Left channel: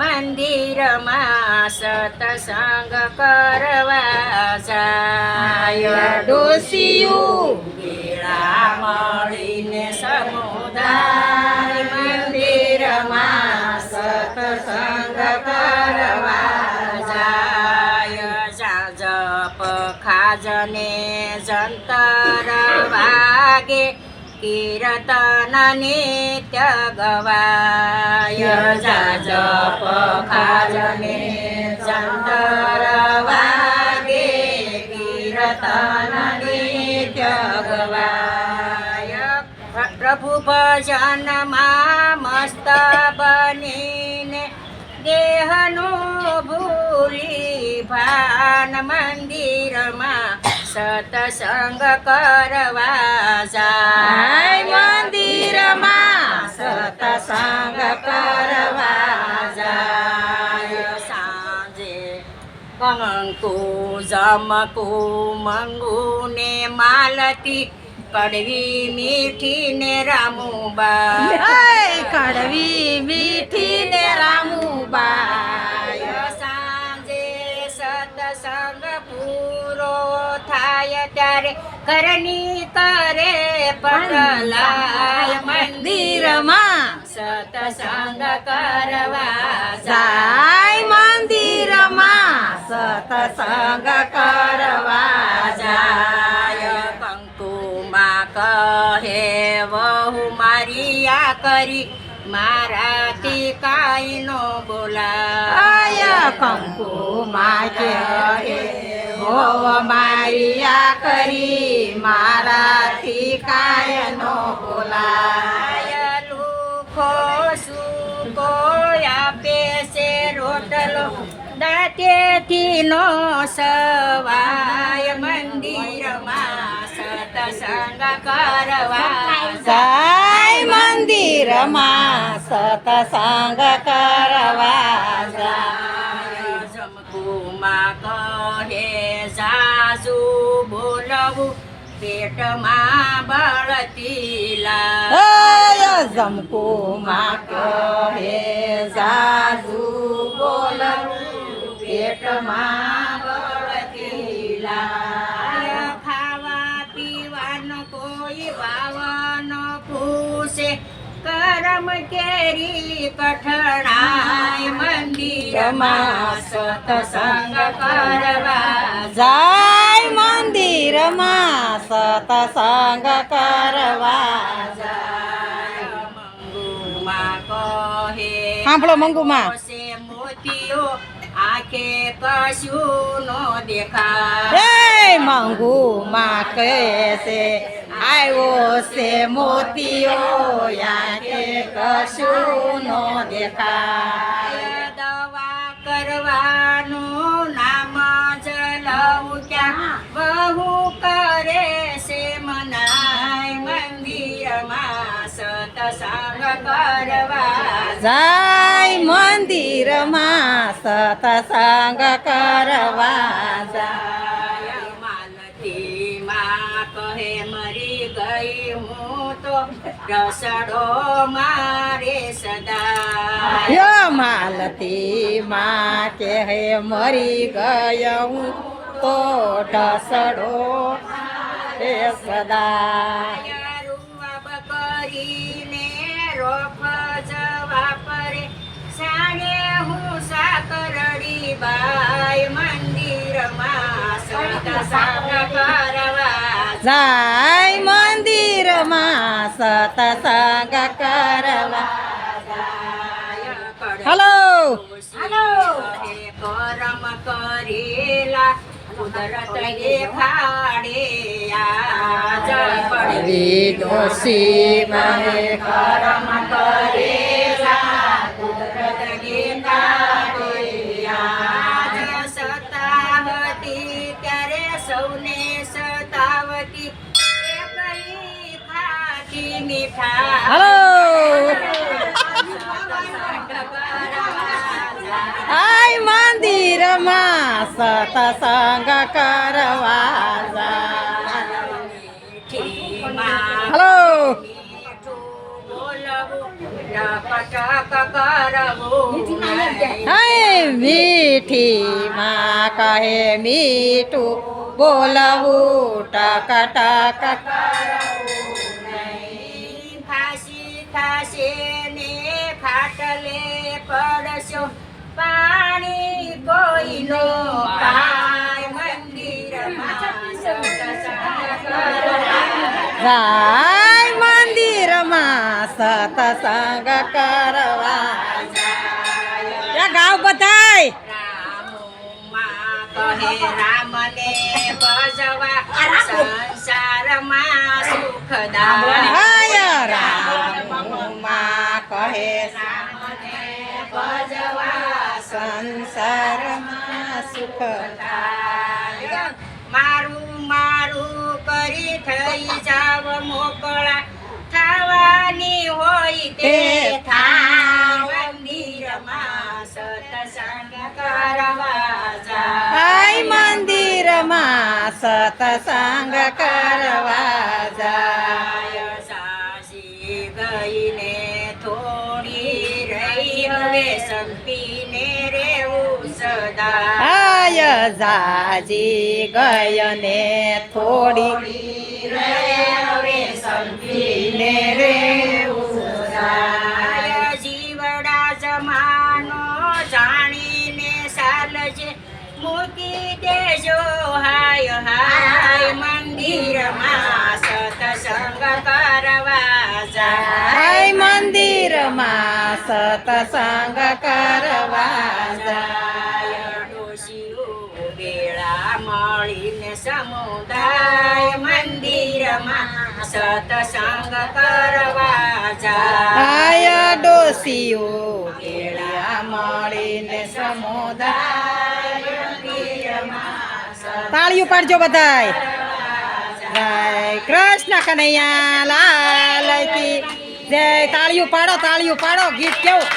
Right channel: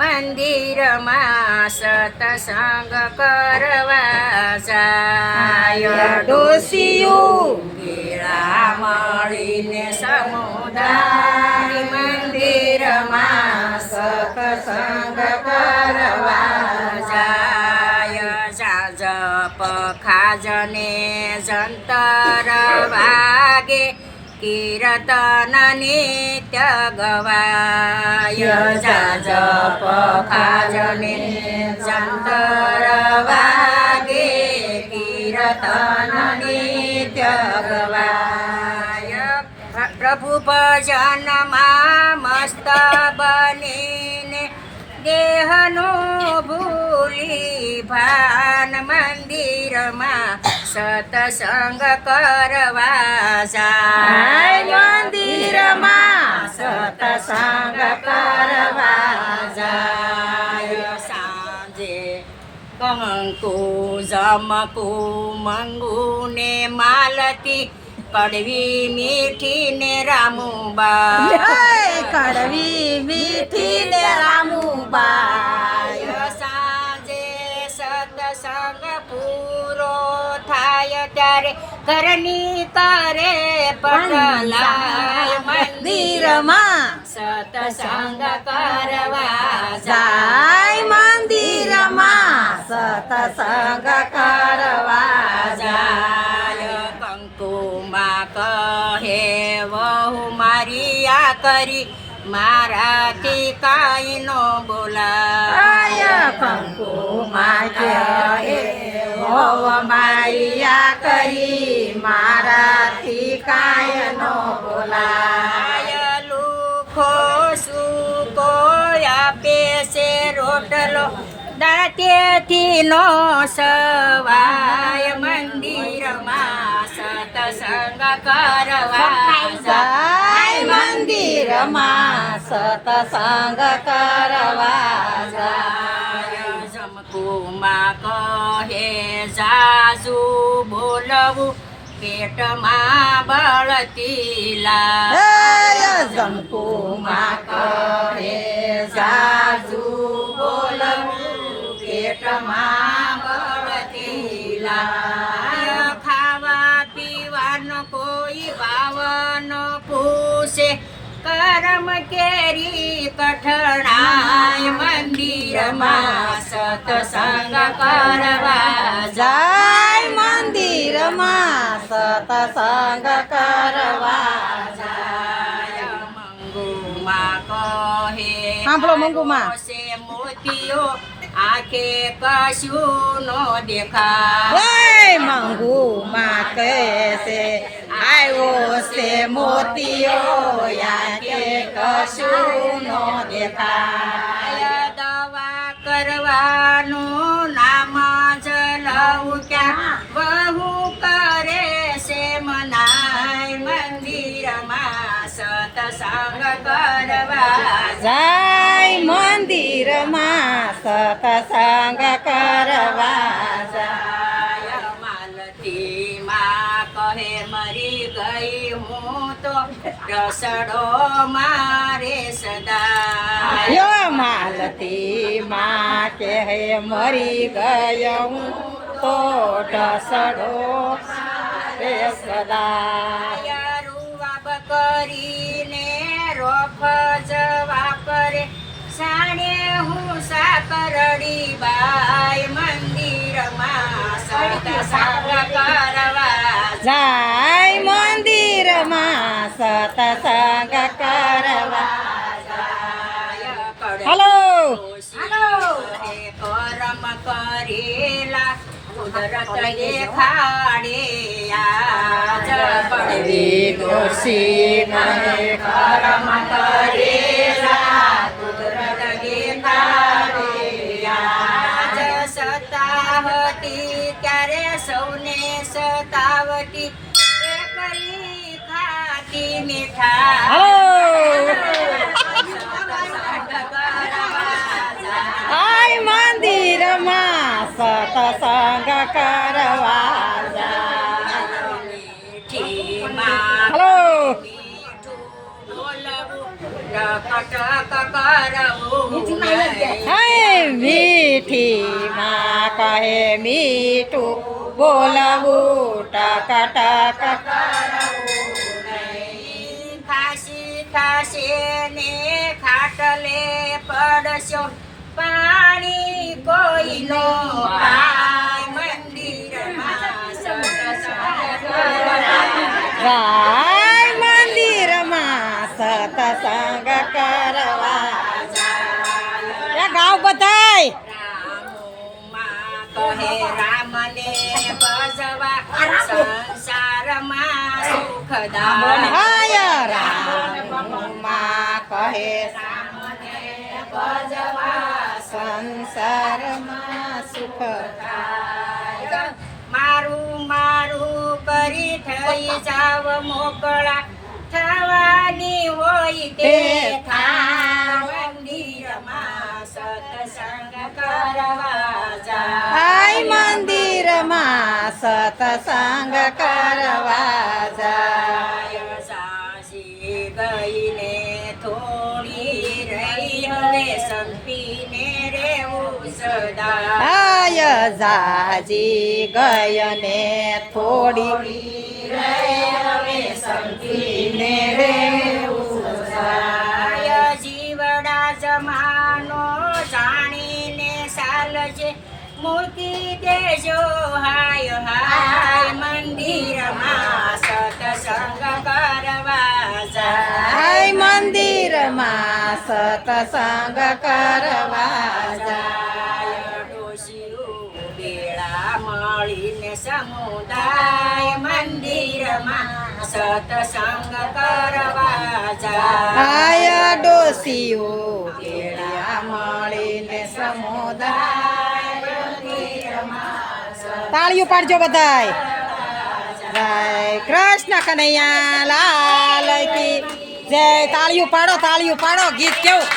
મંદિરમાં સત્સંગ કરવા જાય ડોસીયું ગેળા મળીને સમુદાય મંદિરમાં સત્સંગ કરવા જાય જાજપ ખાજને જંતર વાગે કીર્તન નિત્ય ગવાય જાજપ ખાજને જંતર વાગે કીર્તન નિત્ય ગવાય પ્રભુ ભજનમાં મસ્ત બનીને દેહનું ભૂલી ભાન મંદિરમાં સત્સંગ કરવા જાય મંદિરમાં સત્સંગ કરવા જાય સાંજે કંકુ જમકુ મંગુ ને માલતી કડવી મીઠી ને રામુબા કડવી મીઠી ને રામુબા સાંજે સત્સંગ પૂરો થાય ત્યારે ઘરની કરે પટલાય મંદિરમાં સત્સંગ કરવા જાય મંદિરમાં સત્સંગ કરવા જાય કંકુમાં કહે વહુ મારી આ કરી મારાથી કાંઈ નો બોલાય કંકુમાં કહે હોવ મારી આ કરી મારાથી કાંઈ નો બોલાય લુખો સુકો આપે છે રોટલો દાંતેથી નો સવાય મંદિરમાં સત્સંગ કરવા જાય મંદિરમાં સત્સંગ કરવા જાય જમકુમાં કહે જાજુ બોલવું પેટમાં બળતી લાય જમકુમાં કહે જાજુ બોલવું પેટમાં બળતી લાય ખાવા પીવાનો કોઈ વાવનો પૂછે કરમ કેરી કઠણાય મંદિરમાં સત્સંગ કરવા જાય મંદિરમાં સત્સંગ કરવા જાય મંગુમાં કહે સાંભળો મંગુમાં મોતીઓ આંખે કશું નો દેખાય મંગુમાં કહે છે આવ્યો છે મોતીઓ આંખે કશું નો દેખાય દવા કરવાનું નામ જ લઉં ત્યાં બહુ કરે છે મનાય મંદિરમાં સત્સંગ કરવા જાય મંદિરમાં સત્સંગ કરવા જાય માલતીમાં કહે મરી ગઈ હું તો રસડો મારે સદા માલતીમાં કહે મરી ગયો હું તો રસડો રે સદા કરીને રોફ જવા પરે સાણે હું સાકરડી બાઈ મંદિરમાં સત્સંગ કરવા જાય મંદિરમાં સત્સંગ કરવા જાય હલો હલો કરમ કરેલા કુદરત દેખાડે આજ પડવી દોષી મને કરમ કરેલા કુદરત દેખાડે આજ સતાવતી ત્યારે સૌને સતાવતી એકલી ખાતી મીઠા આય મંદિરમાં સત્સંગ કરવા જાય હલો બોલવું ટક કરવું નહીં. હે મીઠી માં કહે મીઠું બોલવું ટક ટક ખાસી ખાશે ને ખાટલે પડશો પાણી કોઈનો પાય મંદિરમાં સત્સંગ રાય મંદિરમાં સત્સંગ કરવા ત્યાં ગાવ બધાય રામમાં કહે રામને ભજવા સંસારમાં સુખદાય. હાય રામમાં કહે ભજવા સંસારમાં સુખ મારું મારું કરી થઈ જાવ મોકળા થવાની હોય તે થાય મંદિરમાં સત્સંગ કરવા જાય. હાય મંદિરમાં સત્સંગ કરવા જાય સાસી ગઈને થોડી રહી હવે સંપીને રેવું સદા. હાય જાજી ગયને થોડી હવે સંપીને રેવું સદા. જીવડા જમાનો જાણીને ચાલજે મૂકી દેજો હાય હાય મંદિરમાં સત્સંગ કરવા જાય. હાય મંદિરમાં સત્સંગ કરવા જાય ડોશીઓ બેળા મળીને સમુદાય મંદિરમાં સત્સંગ કરવા જાય. હાય ડોસીઓ કેળા મળીને સમુદાય તાળીઓ પાડજો બધાય. જય કૃષ્ણ કનૈયા લાલ કી જય. તાળીઓ પાડો ગીત કેવું